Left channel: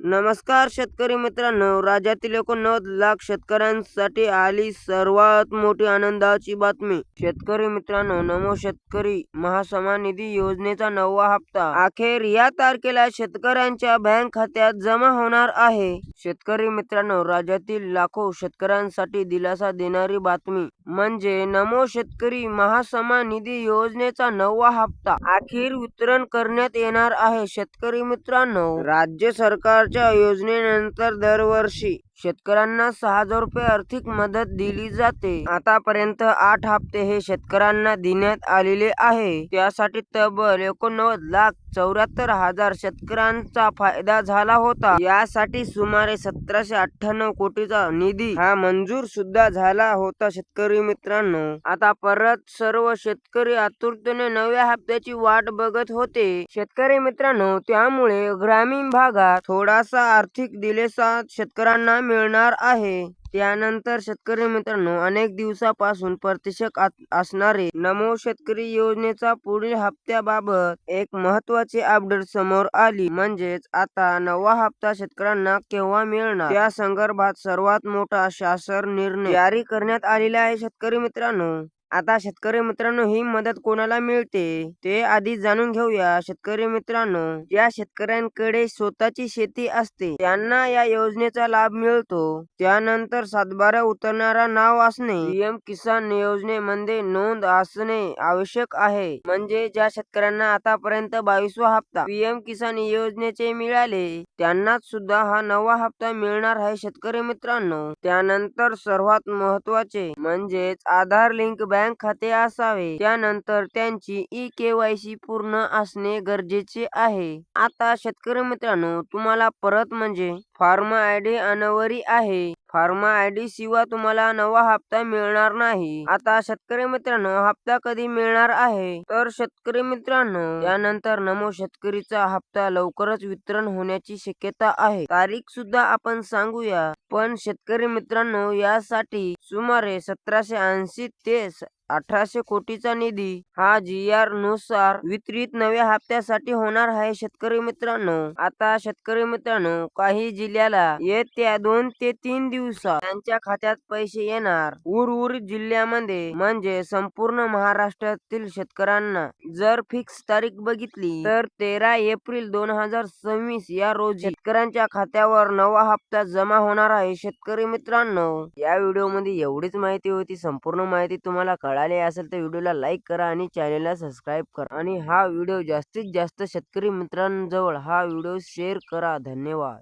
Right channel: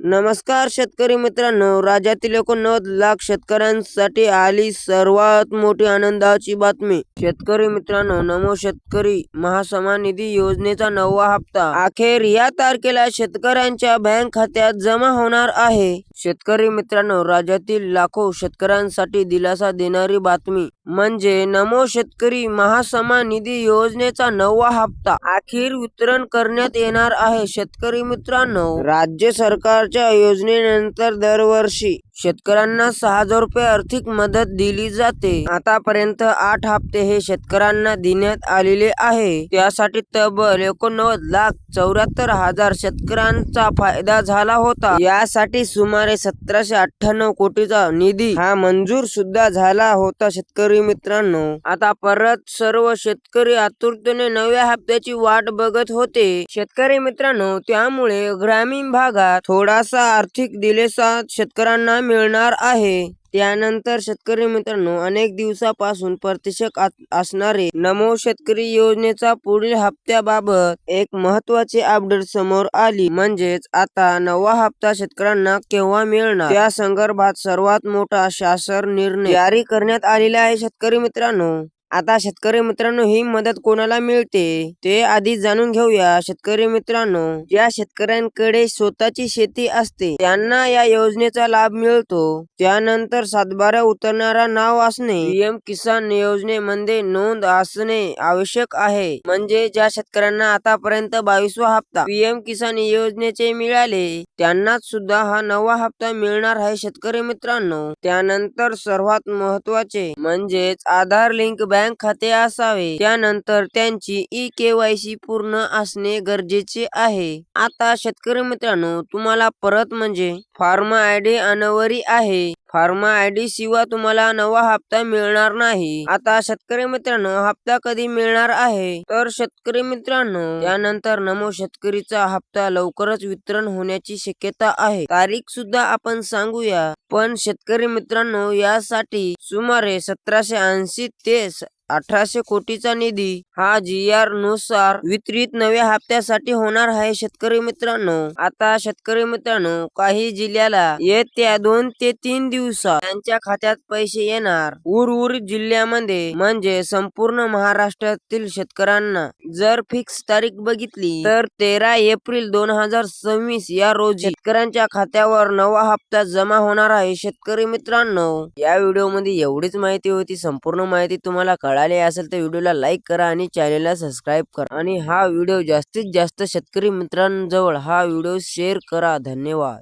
नमस्कार शेतकरी मित्रांनो, राज्यातील 89 लाख शेतकऱ्यांसाठी आली सर्वात मोठी आनंदाची बातमी. शेतकरी मित्रांनो, नमो शेतकरी महासन्मान निधी योजनेचा 9वा हप्ता अखेर या तारखेला शेतकऱ्यांच्या बँक खात्यात जमा होणार आहे. शेतकरी मित्रांनो, राज्यातील लाखो शेतकऱ्यांसाठी दिलासा देणारी बातमी म्हणजे नमो शेतकरी महासन्मान निधी योजनेचा 9वा हप्ता अखेर वितरण करण्यात येणार आहे. शेतकरी मित्रांनो, राज्य सरकारच्या योजनेनंतर दरवर्षी शेतकऱ्यांना 6,000 रुपये आर्थिक मदत दिली जाते. आतापर्यंत 8 हप्ते हे शेतकऱ्यांना देण्यात आलेले आहे. त्यासाठी तब्बल 89,74,000 शेतकऱ्यांचा फायदा झाला होता. यासाठी सुमारे 1,798 कोटीचा निधी हा मंजूर सुद्धा झाला होता. शेतकरी मित्रांनो, आता परत सर्व शेतकरी आतुरतेने नव्या हप्त्याची वाट बघत होते. शेतकरी मित्रांनो, त्यामुळे ग्रामीण भागात थोडासा आर्थिक दिलासा शेतकऱ्यांना मिळणार आहे. त्यानंतर शेतकरी मित्रांनो, अनेक दिवसापासून प्रतीक्षेत असणारे नमो शेतकरी योजनेचा पुढील हप्त्याबाबत एक महत्त्वाची अपडेट समोर आली. म्हणजेच आता 9वा हप्ता शेतकऱ्यांना केव्हा मिळणार त्या संदर्भात सर्वात मोठा शासन निर्णय जारी करण्यात आलेला आहे. शेतकरी मित्रांनो, आता शेतकरी मित्रांनो, ही मदत कोणाला मिळते ते आधी जाणून घेऊया. शेतकरी मित्रांनो, ज्या शेतकऱ्यांकडे स्वतःची शेती असते त्यांना या योजनेचा लाभ मिळतो. त्यानंतर सातबारा उतरणारा नाव असणे, पीएम किसान योजनेमध्ये नोंद असणे आवश्यक आहे. म्हणजे ज्या शेतकऱ्यांना आतापर्यंत 22वा हप्ता पीएम किसान योजनेचे मिळाले त्यांनाच सुद्धा हा 9वा हप्ता मिळणार आहे. शेतकरी मित्रांनो, त्यानंतर सर्वात महत्त्वाचे म्हणजेच आधार लिंक बँक खाते असावे. त्यानंतर त्यांची ई-केवायसी पूर्ण असणे गरजेचे आहे. आता शेतकरी मित्रांनो, तुम्हाला परत म्हणजे फॉर्म आयडी अनिवार्य आहे. फॉर्म आयडी शिवाय तुम्हाला 9वा हप्ता मिळणार नाही. आता शेतकरी मित्रांनो, हप्ता कधी मिळणार आहे तर शेतकरी मित्रांनो, त्यानंतर नमो शेतकरीचा हप्ता लवकरच वितरण होण्याची शक्यता आहे. तारीख सुद्धा आपण सांगूया. पण शेतकरी मित्रांनो, यासाठी सुमारे 1,780 ते 1,800 कोटीचा निधी हा GR नुसार वितरित नव्या हप्त्यासाठी होणार आहे. शेतकरी मित्रांनो, आता शेतकरी मित्रांनो, काही जिल्ह्याला येत्या 2 ते 3 दिवसात त्यांच्या खात्यात पैसे येणार. उर्वरित जिल्ह्यामध्ये म्हणजे संपूर्ण महाराष्ट्रातील शेतकऱ्यांना जर फिक्स तारीख बघितली तर 13 एप्रिल 2026 या रोजी शेतकऱ्यांच्या खात्यावर 9वा हप्ता जमा होणार आहे. शेतकरी मित्रांनो, या व्हिडिओमध्ये एवढीच माहिती होती. संपूर्ण माहिती तुम्हाला कळाली असेल तर व्हिडिओला लाईक करा आणि चॅनलला सबस्क्राईब करा आणि हा व्हिडिओ जास्तीत जास्त शेतकरी मित्रांजवळ हा व्हिडिओ शेअर करा. धन्यवाद.